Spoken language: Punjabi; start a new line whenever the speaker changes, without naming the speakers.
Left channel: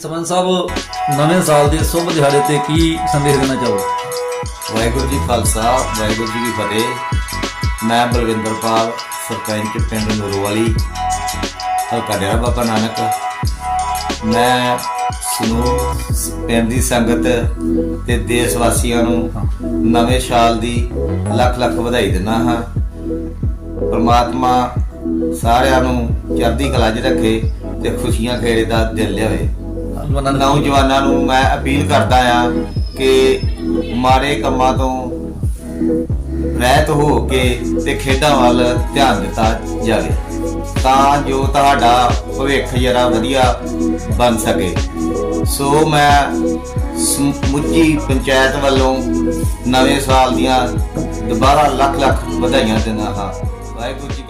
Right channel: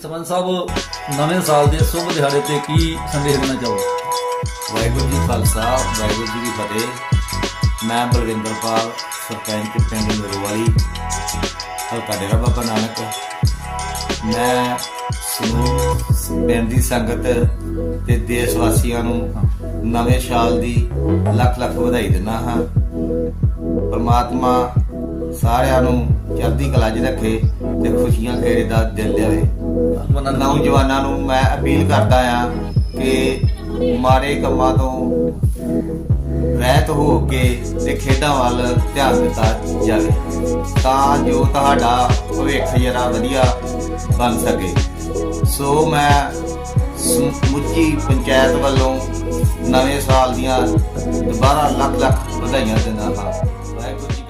ਸਰਪੰਚ ਸਾਹਿਬ, ਨਵੇਂ ਸਾਲ ਦੇ ਸ਼ੁਭ ਦਿਹਾੜੇ ਤੇ ਕੀ ਸੰਦੇਸ਼ ਦੇਣਾ ਚਾਹੋਗੇ?
ਵਾਹਿਗੁਰੂ ਜੀ ਖਾਲਸਾ, ਵਾਹਿਗੁਰੂ ਜੀ ਕੀ ਫਤਿਹ। ਮੈਂ ਬਲਵਿੰਦਰਪਾਲ ਸਰਪੰਚ ਪਿੰਡ ਨੂਰਵਾਲੀ ਹਲਕਾ ਡੇਰਾ ਬਾਬਾ ਨਾਨਕ। ਮੈਂ ਸਮੂਹ ਪਿੰਡ ਦੀ ਸੰਗਤ ਤੇ ਦੇਸ਼ ਵਾਸੀਆਂ ਨੂੰ ਨਵੇਂ ਸਾਲ ਦੀ ਲੱਖ ਲੱਖ ਵਧਾਈ ਦਿੰਦਾ ਹਾਂ। ਪਰਮਾਤਮਾ ਸਾਰਿਆਂ ਨੂੰ ਚੜ੍ਹਦੀ ਕਲਾ 'ਚ ਰੱਖੇ ਤੇ ਖੁਸ਼ੀਆਂ ਘੇਰੇ ਦਾ ਦਿਲ ਲਿਆਵੇ। ਨੌਜਵਾਨਾਂ ਨੂੰ ਮੈਂ ਅਪੀਲ ਕਰਦਾ ਆ ਕਿ ਮਾੜੇ ਕੰਮਾਂ ਤੋਂ ਰਹਿਤ ਹੋ ਕੇ ਤੇ ਖੇਡਾਂ ਵੱਲ ਧਿਆਨ ਦਿੱਤਾ ਜਾਵੇ, ਤਾਂ ਜੋ ਤੁਹਾਡਾ ਭਵਿੱਖ ਜਿਹੜਾ ਵਧੀਆ ਬਣ ਸਕੇ। ਸੋ ਮੈਂ ਸਮੁੱਚੀ ਪੰਚਾਇਤ ਵੱਲੋਂ ਨਵੇਂ ਸਾਲ ਦੀਆਂ ਦੁਬਾਰਾ ਲੱਖ ਲੱਖ ਵਧਾਈਆਂ ਦਿੰਦਾ ਹਾਂ। ਵਾਹਿਗੁਰੂ